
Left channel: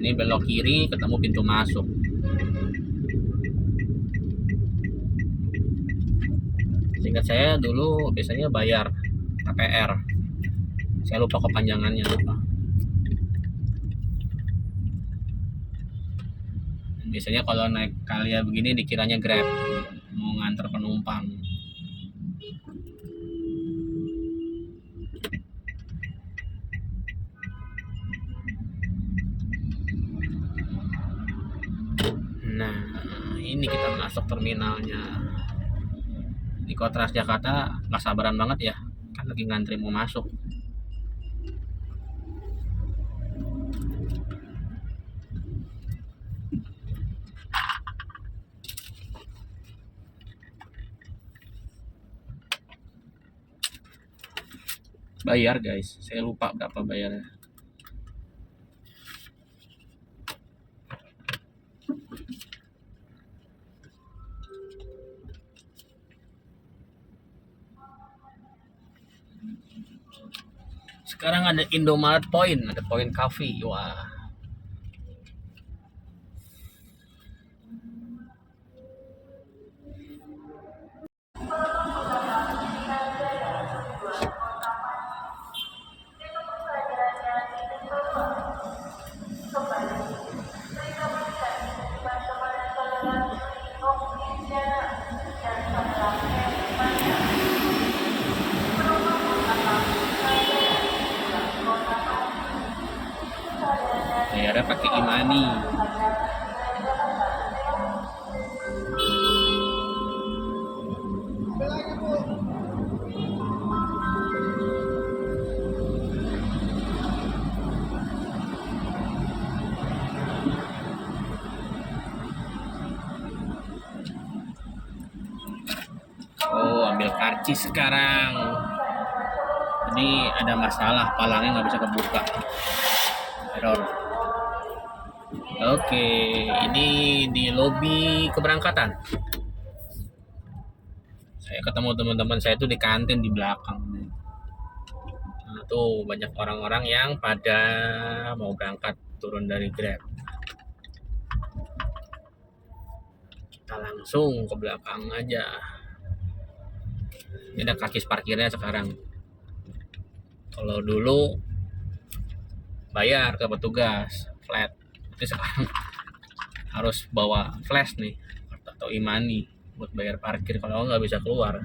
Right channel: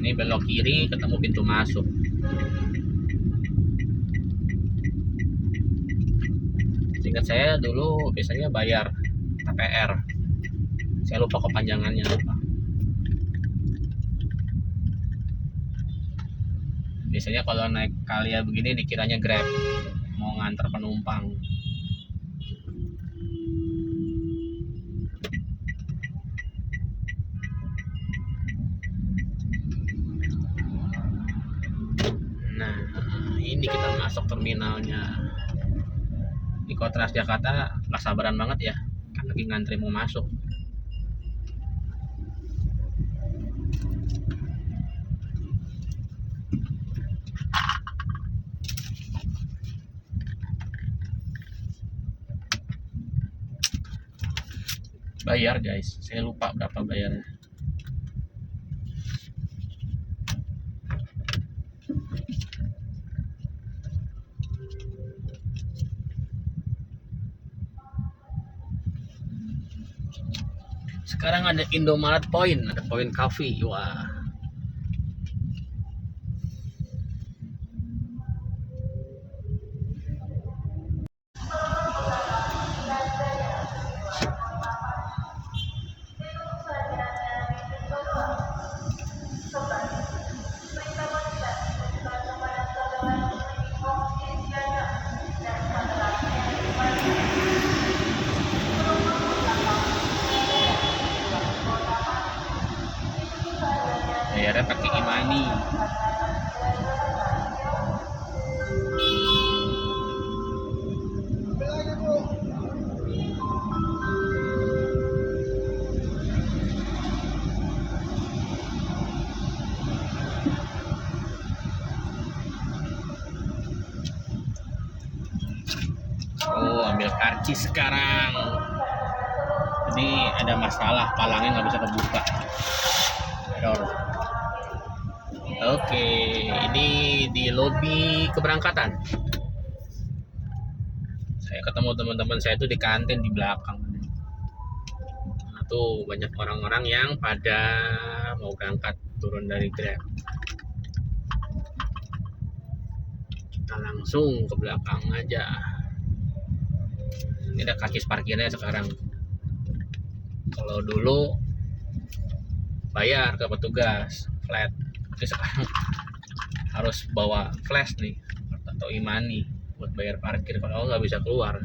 Ini belok kiri ketemu pintu masuk. Seingat saya dulu biasanya bayar KPR. Saya lupa kepanjangannya apa. Biasanya kalau naik Kalia begini dikiranya Grab, mau nganter penumpang. Nah, ini kita masuk terminalnya. Di Kota Transjakarta nggak sabaran banget ya, kan lagi ngantri mau masuk. Bayar guys, saya lupa berapa bayarnya. Sekarang ada Indomaret Point, ada Point Coffee. Wah. Bayarnya pakai e-money. Oh, ambil karcis sekarang. Jadi ada masalah, palangnya nggak bisa kebuka. Error. Oke, ini di lobi keberangkatan. Saya ketemu teman-teman saya itu di kantin di belakang. Nah, tuh banyak orang-orang yang pada mau berangkat turun dari Grab. Kita langsung ke belakang aja. Ini ada karcis parkirnya sekarang. Kalau dulu bayar ke petugas flat, tapi sekarang harus bawa flash nih atau e-money buat bayar parkir, kalau nggak bisa keluar.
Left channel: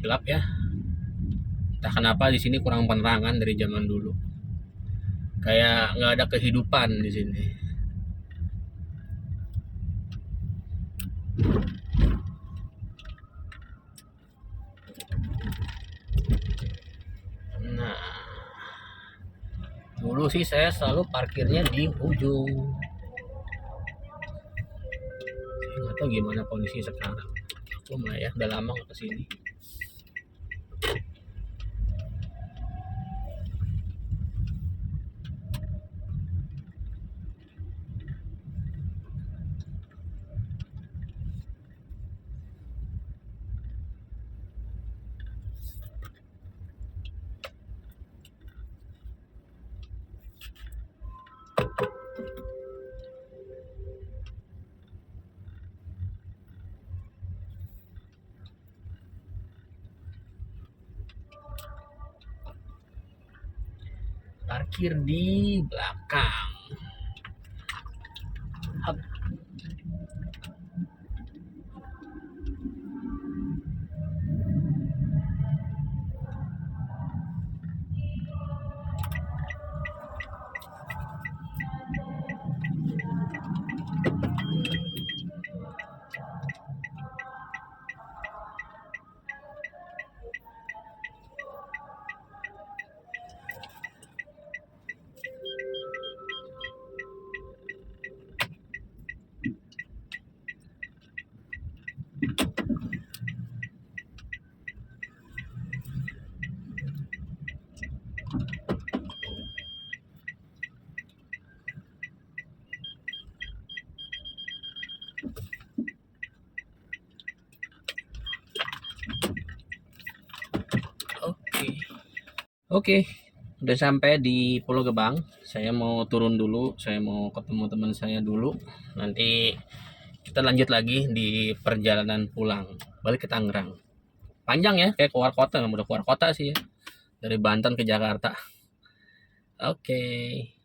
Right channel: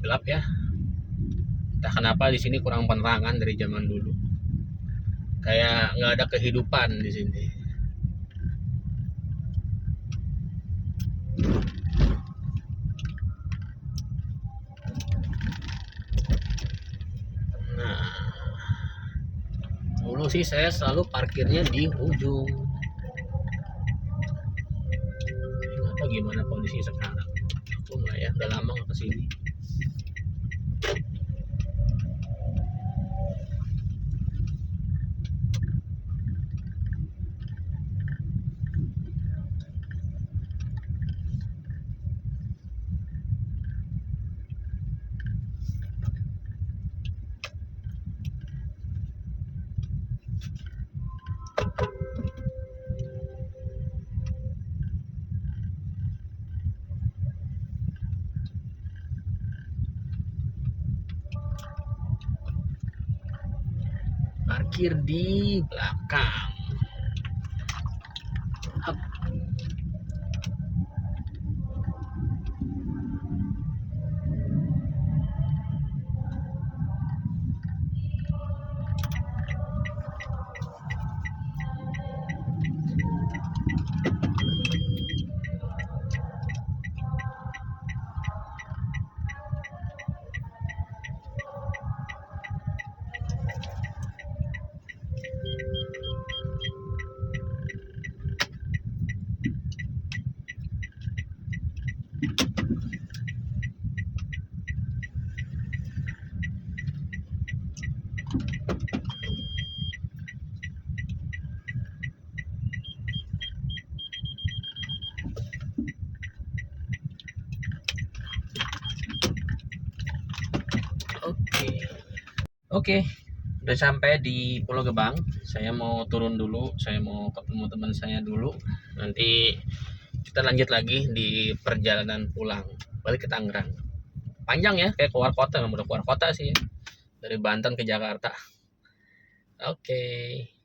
Gelap ya, entah kenapa di sini kurang penerangan dari zaman dulu, kayak nggak ada kehidupan di sini. Nah, dulu sih saya selalu parkirnya di ujung. Nggak tahu gimana kondisi sekarang. Aku nggak ya, udah lama nggak kesini. parkir di belakang. Hup. Oke, udah sampai di Pulau Gebang. Saya mau turun dulu, saya mau ketemu teman saya dulu. Nanti kita lanjut lagi di perjalanan pulang balik ke Tangerang. Panjang ya, kayak keluar kota, udah keluar kota sih ya. Dari Banten ke Jakarta. Oke.